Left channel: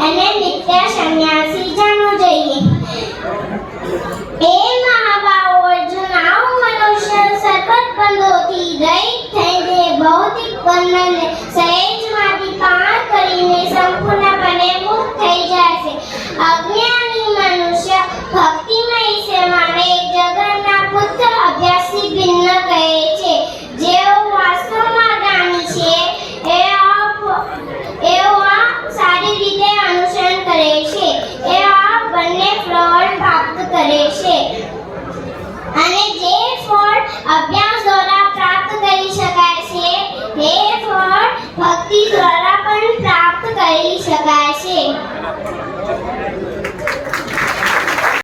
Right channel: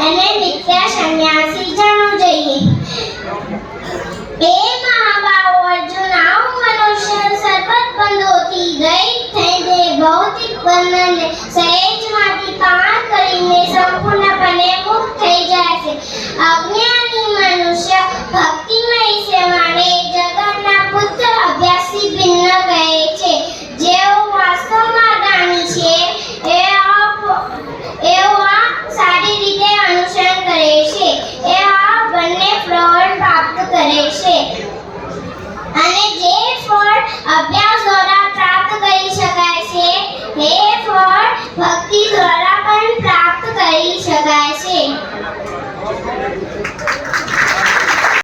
અને નિત્ય સંન્યાસી જાણવું જોઈએ. એ મહાભાવ અર્જુન, આવું મનુષ્ય સર્વત બંધોથી રહિત થઈ જે ભૌતિક બંધનને સહેજ